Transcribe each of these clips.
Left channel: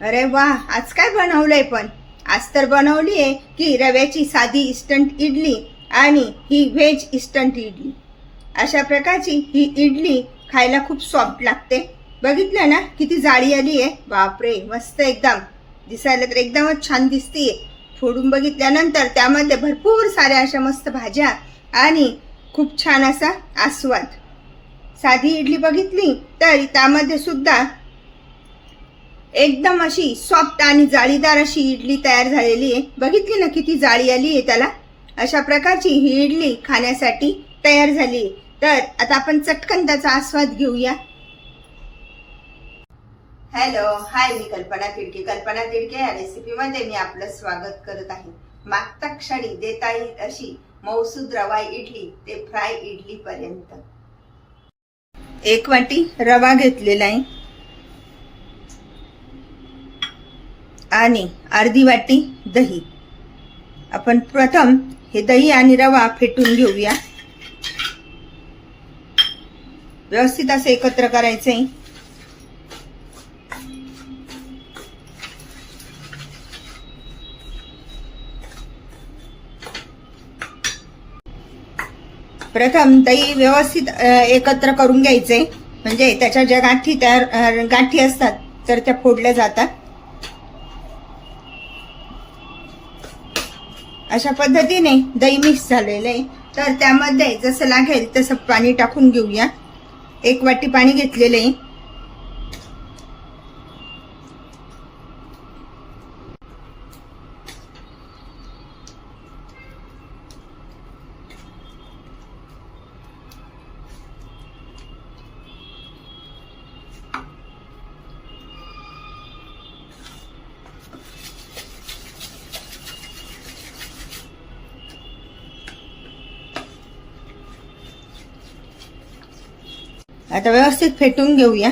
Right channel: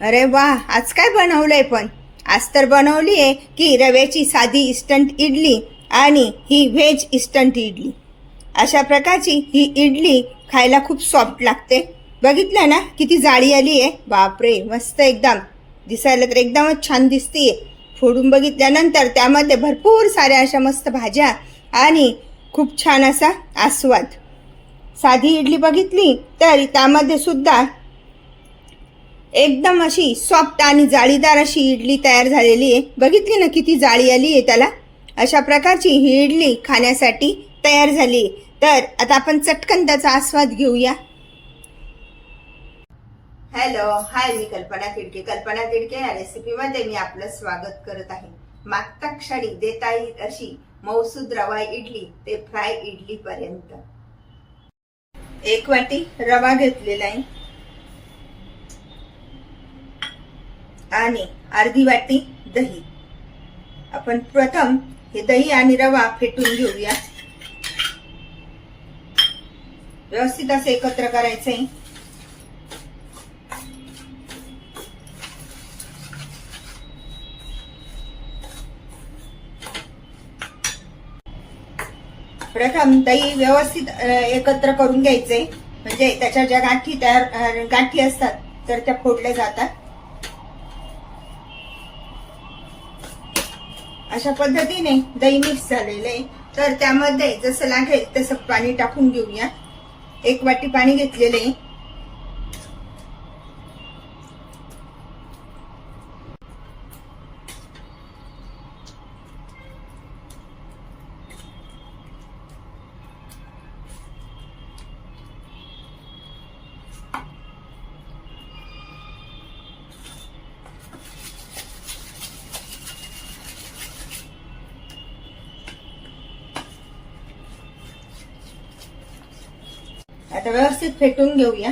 अरे वा, आज काय बनवलंय पण? आज तर बनवली आहे की रव्याची साधी इन्स्टंट इडली आणि ही व्हेज इन्स्टंट इडली. अशा प्रकारची ही इडली खायला खूप सॉफ्ट लागते. बघितलं ना किती जाळी आली आहे? बापरे, मस्त एकदम. दिसायला तर एकदमच छान दिसतीये. फोडून बघितल्यानंतर त्यामध्ये भरपूर साऱ्या अशा मस्त भाज्या आणि खूप छान असा आस्वाद. साधी इडली बघितली तर त्यामध्ये सुद्धा एकदम अशी सॉफ्ट आणि जाळीदार अशी इडली तयार झालेली आहे. बघितली ना किती जाळी आली आहे त्याला? अशा प्रकारची ही इडली खाण्यासाठी तयार झाली. तर आता आपण चटकन त्याचा आस्वाद घेऊया. हॅलो, हाय, मी कल्पना तिडके. कल्पना तिडके या रेसिपीमध्ये मी आपलं स्वागत करत आहे. मागता क्षणी देता येईल अशी मौसूद रवा इडली ते फ्राय इडली पर्यंत. 1 वाटी रवा घेतलेला आहे आणि अर्धी वाटी दही. आपण प्रथम हे दही आणि रवा फेटून घेऊया. व्यवस्थित असे एकत्र करायचे. प्रथम दही व्यवस्थित एकत्र करून घ्यायचे, म्हणजे त्याच्या ज्या गाठी असतात तर त्या फोडल्या जातात. अशा पद्धतीने दही मिक्स झालेलं आहे. तर त्यामध्ये जसं लागेल तसं पाणी टाकून घेऊया. 1 वाटी पाणी घेतलेलं आहे. आता व्यवस्थित फेटून घेऊया.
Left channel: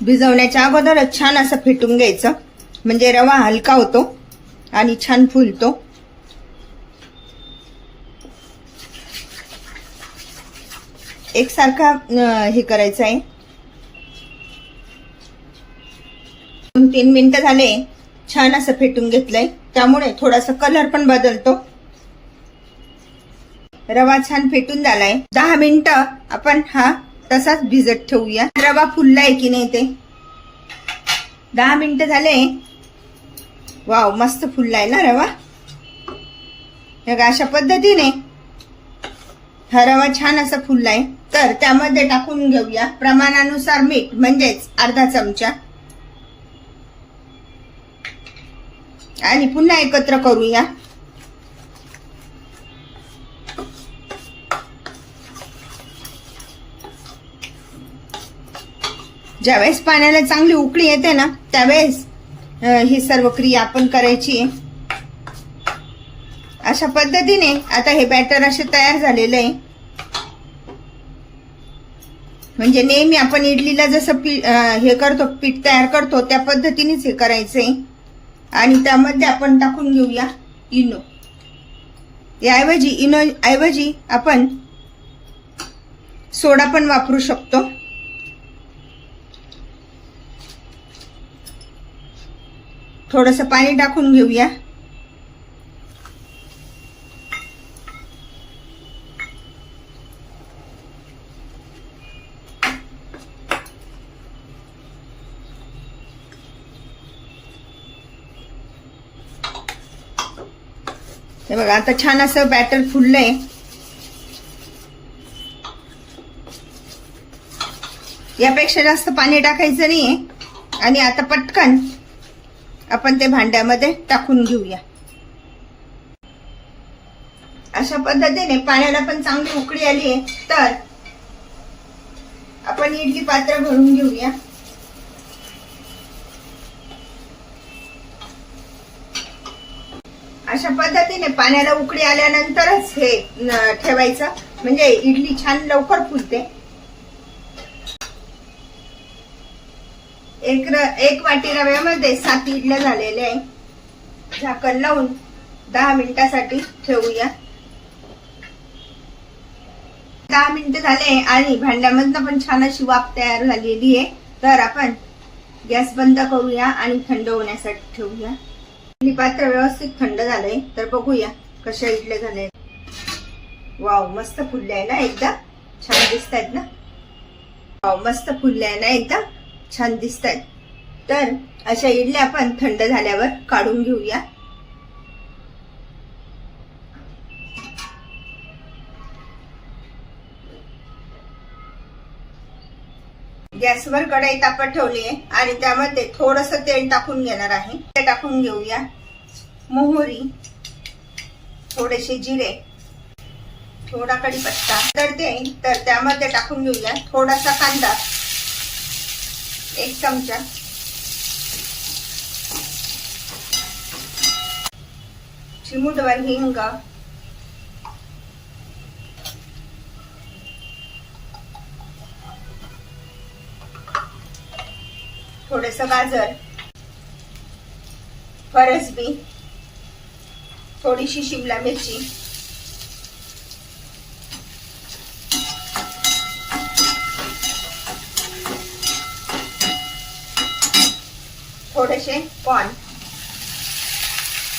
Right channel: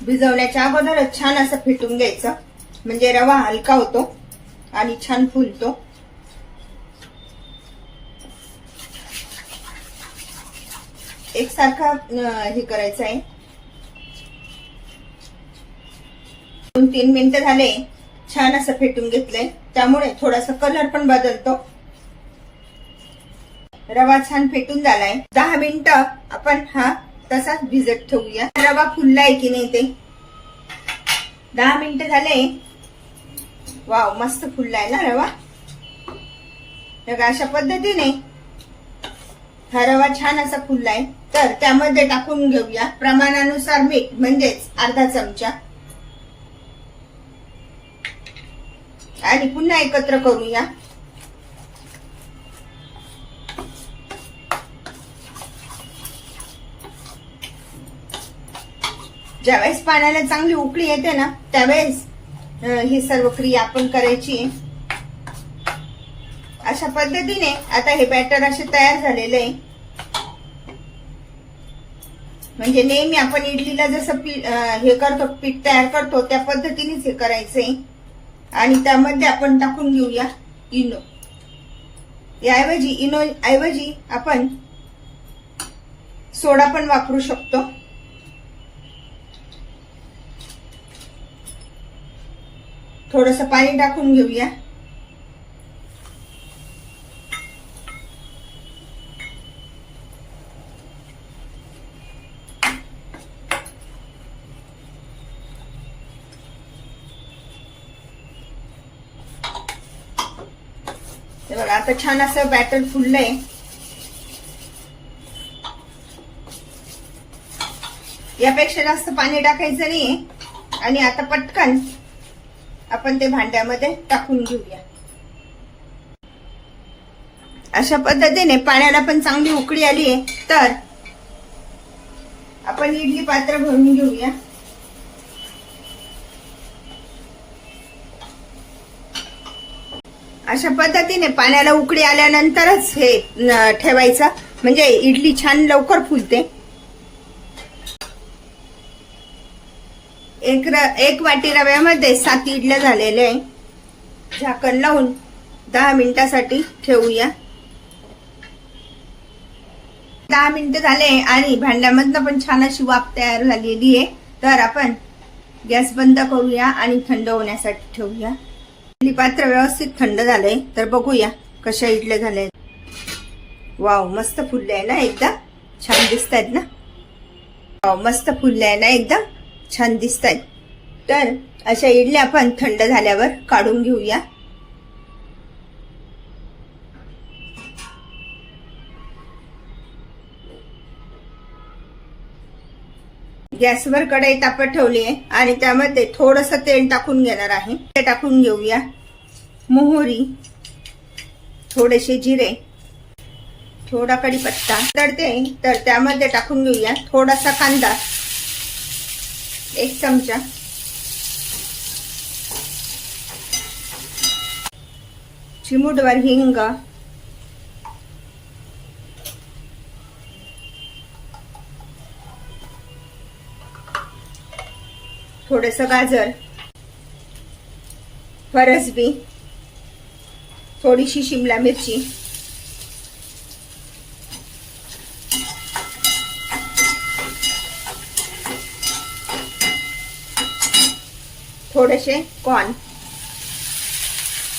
भिजवण्याच्या अगोदरच छान असं फेटून घ्यायचं, म्हणजे रवा हलका होतो आणि छान फुलतो. एकसारखा हे करायचं आहे. 2-3 मिनिटं झाले, छान असं फेटून घेतलंय, त्यामुळे थोडासा कलर पण बदलतो. रवा छान फेटून झालाय. 10 मिनिटं आपण हा तसाच भिजत ठेवूया. रवा फुललाय की नाही ते. 10 मिनिटं झाले. वाव, मस्त फुललाय ना रवा. अशा पद्धतीने हा रवा छान असा फुललाय. तर त्यामध्ये टाकून घेऊया प्रमाणानुसार मीठ, म्हणजेच अर्धा चमचा, आणि पुन्हा एकत्र करूया. ज्यावेळेस पाण्याला चांगली उकळी येते ना, त्यावेळेस ही सर्व क्रिया आपण करायची. अशा पद्धतीने आता हे बॅटर असे तयार झालेलं आहे. म्हणजे नेहमी आपण इडलीला जसं हे करतो, पीठ तयार करतो, त्या पद्धतीनेच हे करायचंय. आणि त्यामध्ये आपण टाकून घेऊया इनो. याऐवजी इनो ऐवजी आपण सोडा पण वापरू शकतो. थोडंसं पाणी टाकून घेऊया. हे बघा, आता छान असं बॅटर फुललंय. यापेक्षा जास्त पाणी टाकायचं नाहीये. आणि आता पटकन आपण ते भांड्यामध्ये टाकून घेऊया. अशा पद्धतीने पाण्याला पण चांगली उकळी आली आहे. तर आपण इडली पात्र भरून घेऊया. अशा पद्धतीने पाण्याला उकळी आल्यानंतरच हे ठेवायचं, म्हणजे इडली छान लवकर फुलते. 1 वाटी रव्यामध्ये 7 इडल्या झालेले आहे. झाकण लावून 10 मिनिटासाठी ठेवूया. 10 मिनिटं झाले आणि भांड्यामधनं पण छान अशी वाफ तयार झालेली आहे. तर आपण गॅस बंद करूया आणि थंड होण्यासाठी ठेवूया. इडली पात्र व्यवस्थित थंड झालंय. तर बघूया कशा इडल्या झाल्या. वाव, मस्त फुलले आहे ना, एकदम छान दिसत आहेत ना. वाव, मस्त फुलले आहे ना, एकदम छान दिसत आहेत. तर अशा इडल्या आपण थंड झाल्यावर काढून घेऊया. गॅसवर कढई तापत ठेवली आहे आणि त्यामध्ये थोडस तेल टाकून घेणार आहे. ते टाकून घेऊया. मोहरी, थोडेसे जिरे, थोडा कढीपत्ता, तर त्यामध्ये टाकून घेऊया थोडासा कांदा, 1 चमचा, चिमूटभर हिंग, थोडंसं गाजर, फरसबी, थोडीशी शिमला मिरची, थोडेसे कॉर्न.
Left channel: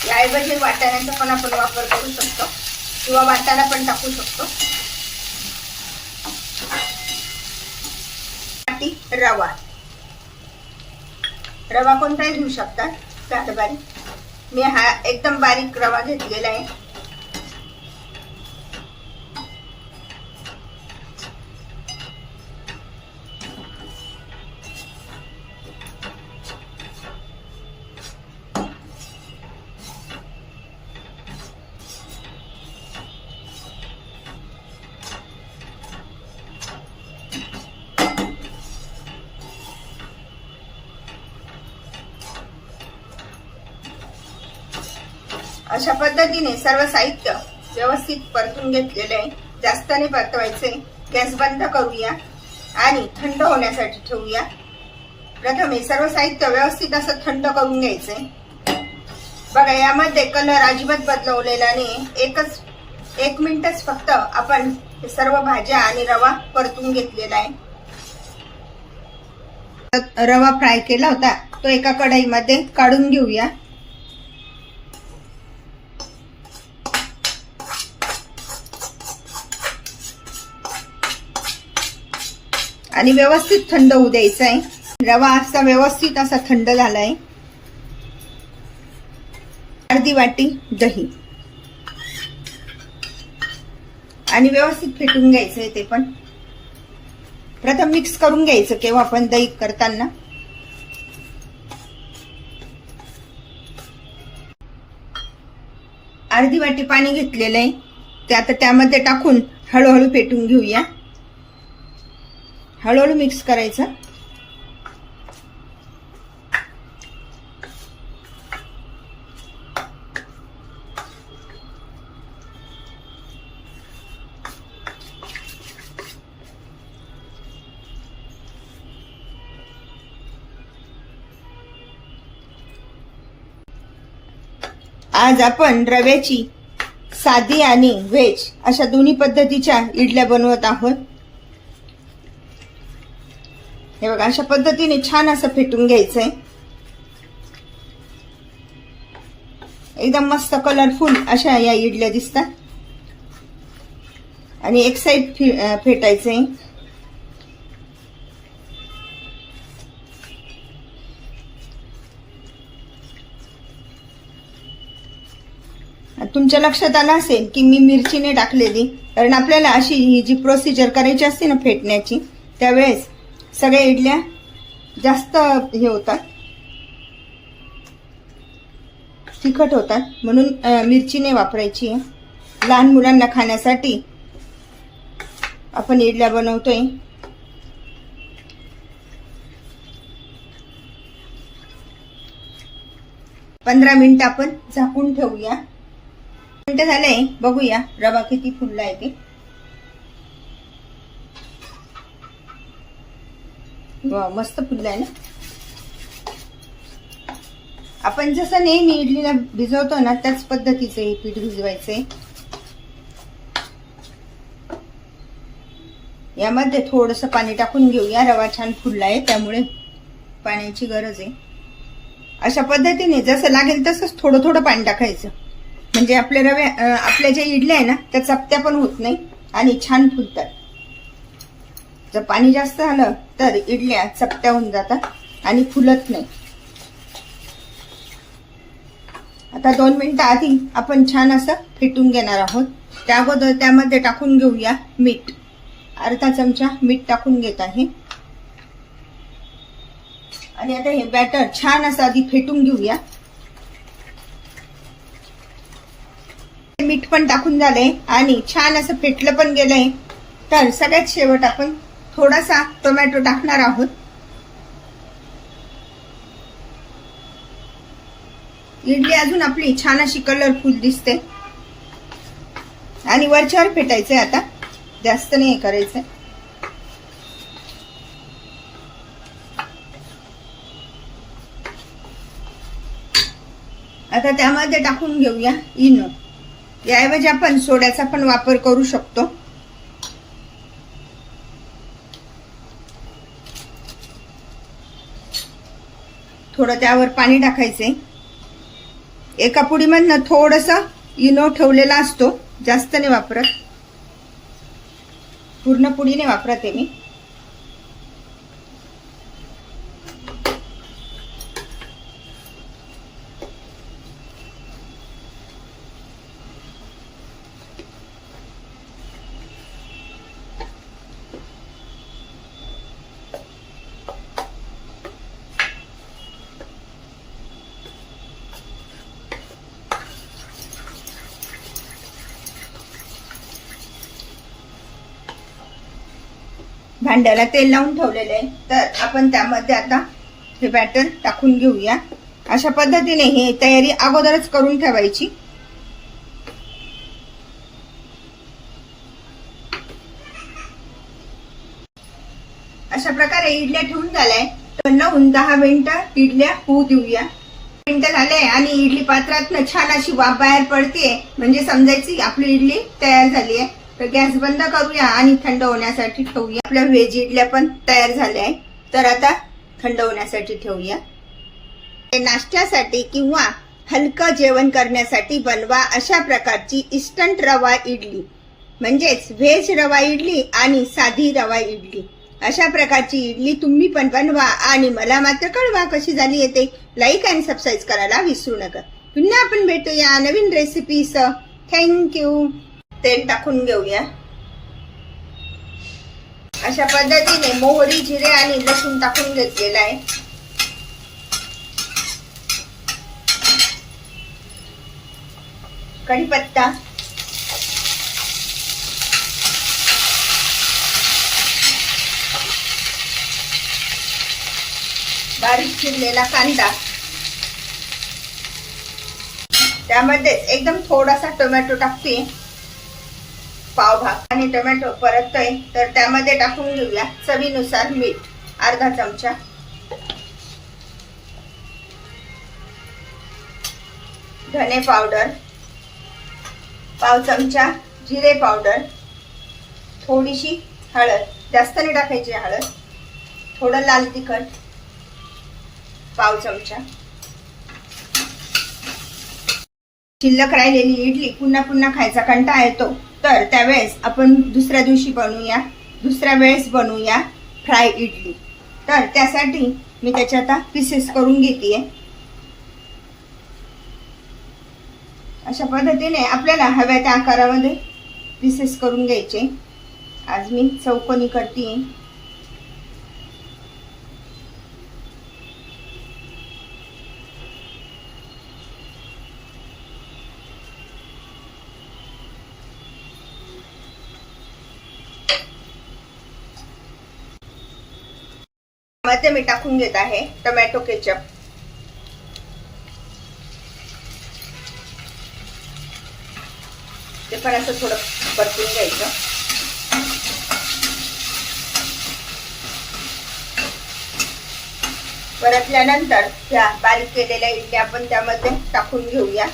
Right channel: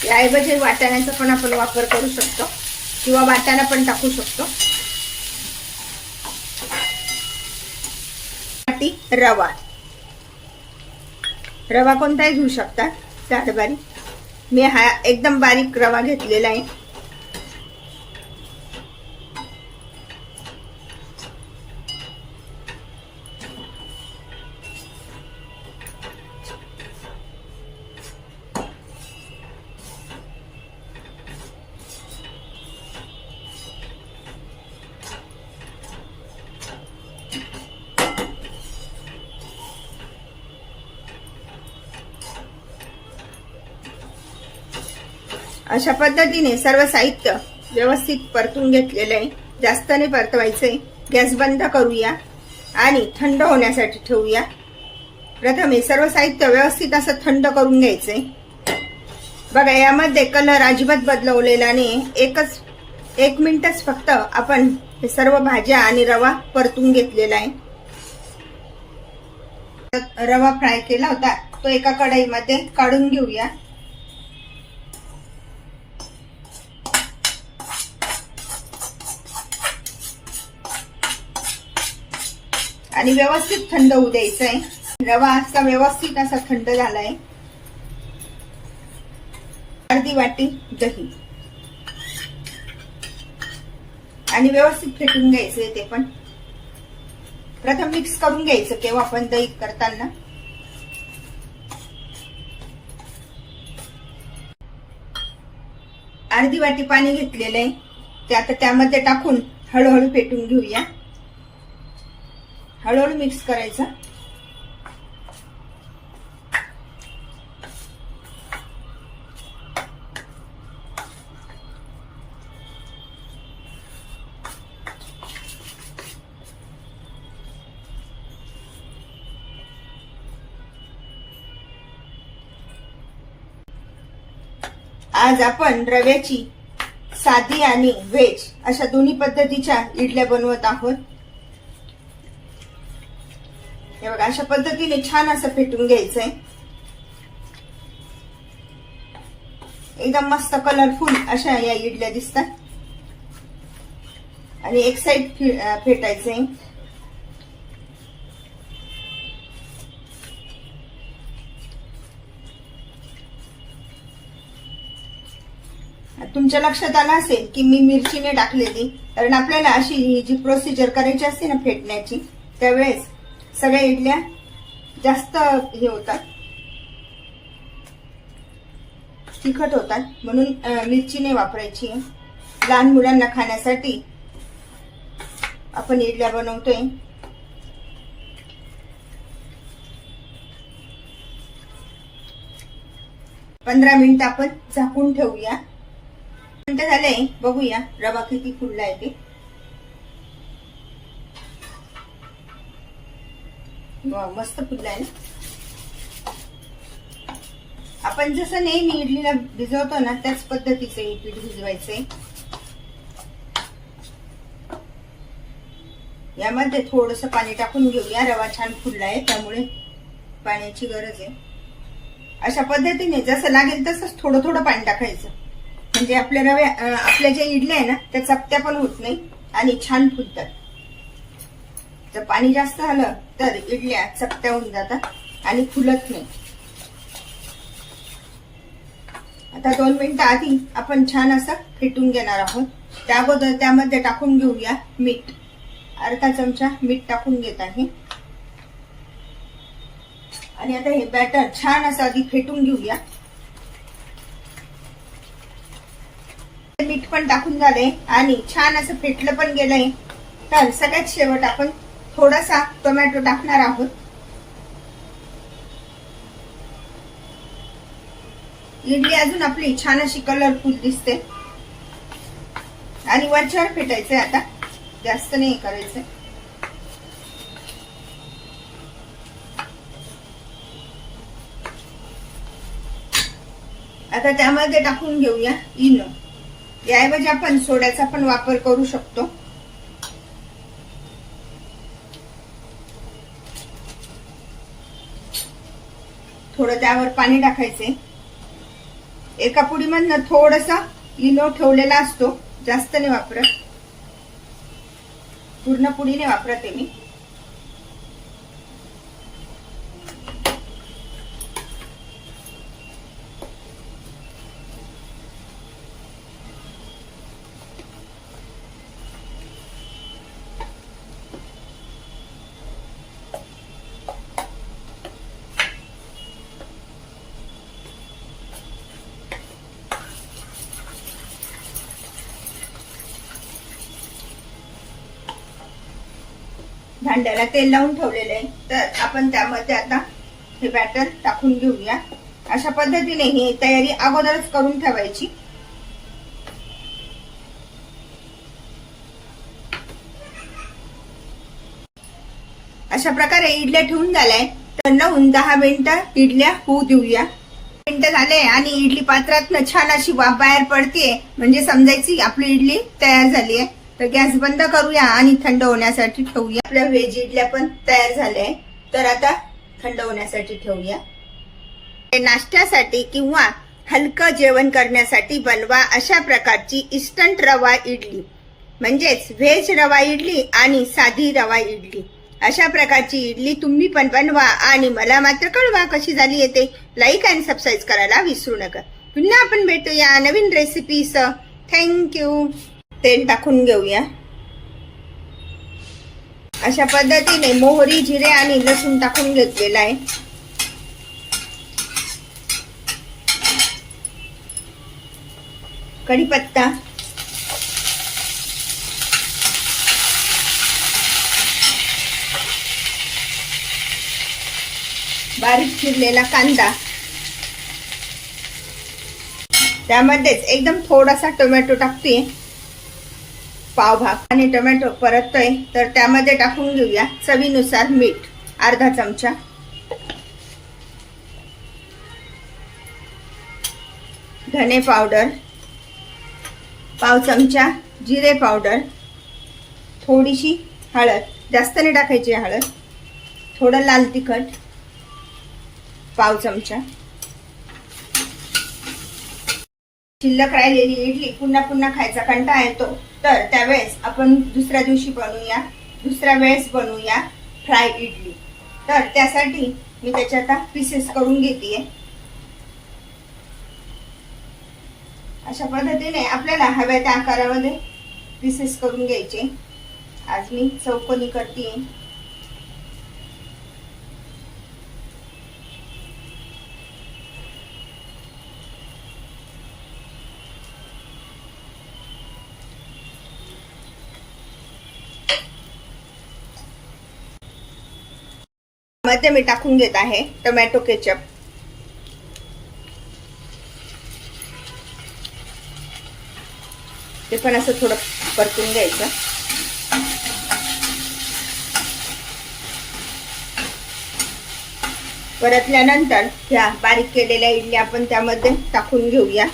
याऐवजी वाटाण्याचा पण आपण वापर करू शकतो किंवा वाटाणा पण टाकू शकतो. रवा, रवा कोणताही घेऊ शकता, साधा बारीक. मी हा एकदम बारीक रवा घेतलेला आहे. अशा पद्धतीने सर्व साहित्य व्यवस्थित परतून घेतलेलं आहे. जास्त नाही परतवायचंय. गॅस बंद करूया आणि थंड होण्यासाठी ठेवूया. प्रथम हे सर्व साहित्य व्यवस्थित असं थंड करून घ्यायचंय. बघा, यामध्ये कलर अजिबात बदलवलेला नाही. 1 मिनिटच फक्त आपण हे सर्व भाज्या आणि रवा परतून घेतलेला आहे. रवा फ्राय केला होता तो एका कढईमध्ये काढून घेऊया. आणि व्यवस्थित थंड होऊ द्यायचा आहे. रवा असा व्यवस्थित असा थंड झालाय. अर्धी वाटी दही आणि व्यवस्थित फेटून घ्यायचंय. ते पण प्रथम मिक्स करून घ्यायचं केव्हा आपण दही करताना. अर्धी वाटी पाणी घेतलेलं आहे. ते आता त्यामध्ये टाकून हळूहळू फेटून घेऊया. हळूहळू मिक्स करायचं. आज आपण रव्याची साधी आणि व्हेज अशा दोन्ही पद्धतीच्या इडल्या बनवत आहोत. हे बघा, अशा पद्धतीने छान असं फेटून घ्यायचंय. एकदम मस्त कलरफुल अशा या इडल्या दिसतात. आणि एक साइड फेटायचंय. तुमच्या लक्षात आलं असेल की मी मिरचीने टाकलेली, कारण आपल्याला अशी ही जी प्रोसिजर करायची असते ना फेटण्याची, त्यावेळेस सगळ्या इडल्या जास्त हे होतात, तिखट होतात, म्हणून मिरचीने वापरायची आहे. लहान मुलांना खाण्यासाठी आपण इडल्या बनवतोय. पंधरा मिनिट आपण झाकून ठेवूया. मिनिट झाले, बघूया रवा किती फुलला आहे ते. वाव, मस्त फुलला आहे ना. आपण जसं नेहमी इडलीला भिजवतो ना त्याच पद्धतीचं हे पीठ भिजवायचंय. यामध्ये थोडंसं पाणी टाकून घेऊया. रवा छान फुलला आहे त्यामुळे पाण्याची गरज आहे. अशा पद्धतीने जसं लागेल तसंच थोडं थोडं पाणी टाकायचं, म्हणजे आपल्या ज्या इडल्या आहे ना त्या चपट्या पण होत नाही आणि छान फुलतात. जर पाणी जास्त झालं तर इडल्या चपट्या होऊन जातात आणि फुलत नाही. आता 2 मिनिटं आधी आपण छान असं फेटून घेणार आहोत. त्या अगोदर त्यामध्ये टाकून घेऊया मीठ. अर्धा चमचा मीठ टाकून घेत आहे आणि आता हे बॅटर छान असं आधी फेटून घेऊया. मीठ पण टाकून झालंय आणि छान असं फेटलं पण गेलंय. तर सगळ्यात शेवट आपण थोडासा टोमॅटो टाकणार आहोत. इडली अजून आपली छान अशी कलरफुल दिसते आणि वरच्यावर फेटायचंय. आता जास्त नाही करायचंय. आता त्यामध्ये टाकून घेऊया इनो. याऐवजी आपण सोड्याचा पण वापर करू शकतो. थोडं त्यावर पाणी टाकायचे. एका पुडीमधनं थोडंसं इनो ठेवलेला असतो, जास्त नाही वापरत. पूर्ण पुडीने वापरते मी. भांड्याला तेल लावून ठेवलेले आहे. तर आपण त्यामध्ये आता हे बॅटर टाकून घेऊया. अशा पद्धतीने ही तयारी अगोदरच करून ठेवायची. अशा प्रकारे इडल्या ठेवून झाल्याय. तर 9-10 मिनिटं इडल्या होऊ देऊया. मिनिटं झाले आणि इडली पात्रातनं छान अशी वाफ बाहेर पडतीये, म्हणजे समजायची आपली इडली तयार झाली आहे. तर गॅस बंद करूया आणि थंड होण्यासाठी ठेवूया. आपल्या व्हेज इडल्या पण तयार झाल्या आहे. तर आता थंड होण्यासाठी ठेवूया. नाश्त्यासाठी किंवा हलकं जेवण करण्यासाठी बनवा अशा प्रकारची इन्स्टंट रवा इडली, म्हणजेच व्हेज रवा इडली आणि साधी रवा इडली. अशा प्रकारची इडली तुम्ही पण बनवा आणि मला मात्र कळवा कशी झाली येते. लाईक आणि सबस्क्राईब करायला विसरू नका. पुन्हा आपण भेटूया नवीन रेसिपीसह. थँक्यू. तेल टाकून घेऊया. अशा पद्धतीने मोहरी, जिरे आणि लसूण टाकून घेतलेला आहे. कढीपत्ता, बारीक चिरलेला कांदा, त्यामध्येच एकदम थोडासा टोमॅटो टाकते, पावभाग, आणि टोमॅटो परततोय तर त्यामध्ये टाकून घेऊया चवीनुसार मीठ अर्धा चमचा, धने पावडर पाव चमचा, जिरे पावडर, थोडीशी हळद, जास्त नाही टाकायची हळद, थोडं लाल तिखट पाव चमचा. शिल्लक राहिलेली इडली पुन्हा पुन्हा खायचा कंटाळा येतो, तर त्यावेळेस आपण दुसऱ्या दिवशी बनवूया, दुसऱ्या वेळेस बनवूया फ्राय इडली. तर त्यासाठी मी त्याच्या आता पीसेस करून घेतेय. अशा पद्धतीने आपल्याला हव्या त्या आकारामध्ये पीसेस करून घ्यायचे. आज मी चौकोनी करते. मध्ये मी टाकून घेत आहे टोमॅटो केचप. ते पण असं थोडं परतून घ्यायचं. परतल्यानंतर ह्या बारीक केलेल्या इडल्या आपण त्यामध्ये टाकून घेऊया.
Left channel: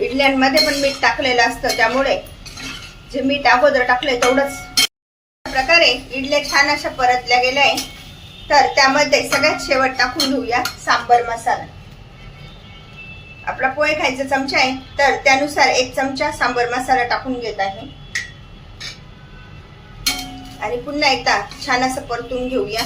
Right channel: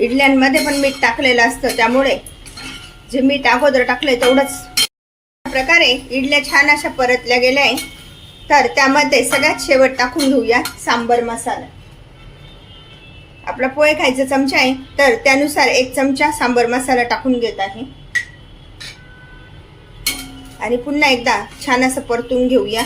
इडल्यांमध्ये पण मीठ टाकलेलं असतं, त्यामुळे जे मीठ अगोदर टाकले तेवढंच. अशा प्रकारे इडल्या छान अशा परतल्या गेल्या आहे. तर त्यामध्ये सगळ्यात शेवट टाकून घेऊया सांबर मसाला. आपला पोहे खायचा चमचा आहे, तर त्यानुसार 1 चमचा सांबर मसाला टाकून घेत आहे. आणि पुन्हा एकदा छान असं परतून घेऊया.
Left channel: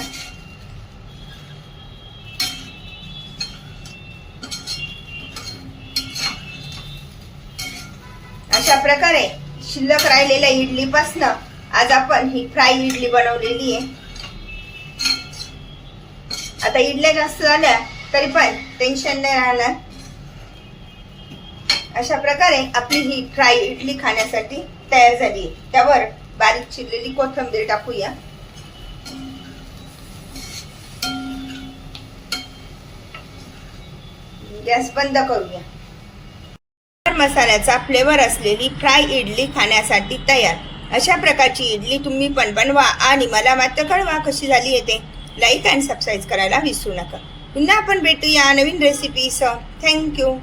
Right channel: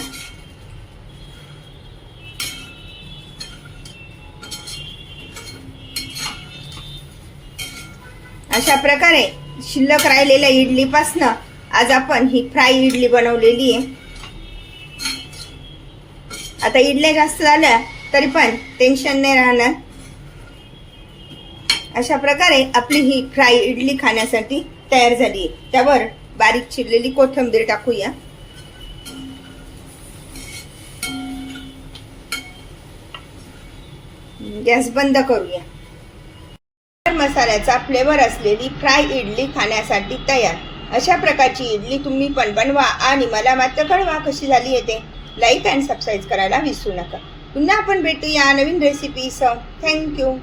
अशा प्रकारे शिल्लक राहिलेल्या इडलीपासनं आज आपण ही फ्राय इडली बनवलेली आहे. आता इडल्या जास्त झाल्या तरी पण टेन्शन नाही राहणार. अशा प्रकारे आपली ही फ्राय इडली खाण्यासाठी तयार झाली आहे. त्यावर बारीक चिरलेली कोथिंबीर टाकूया. गॅस बंद करूया. मसाल्याचा फ्लेवर असलेली फ्राय इडली खाण्यासाठी तयार. अशा प्रकारची इडली तुम्ही पण बनवा आणि मला मात्र कळवा कशी झाली ते. लाईक अँड सबस्क्राईब करायला विसरू नका. पुन्हा आपण भेटूया नवीन रेसिपीसह. थँक्यू.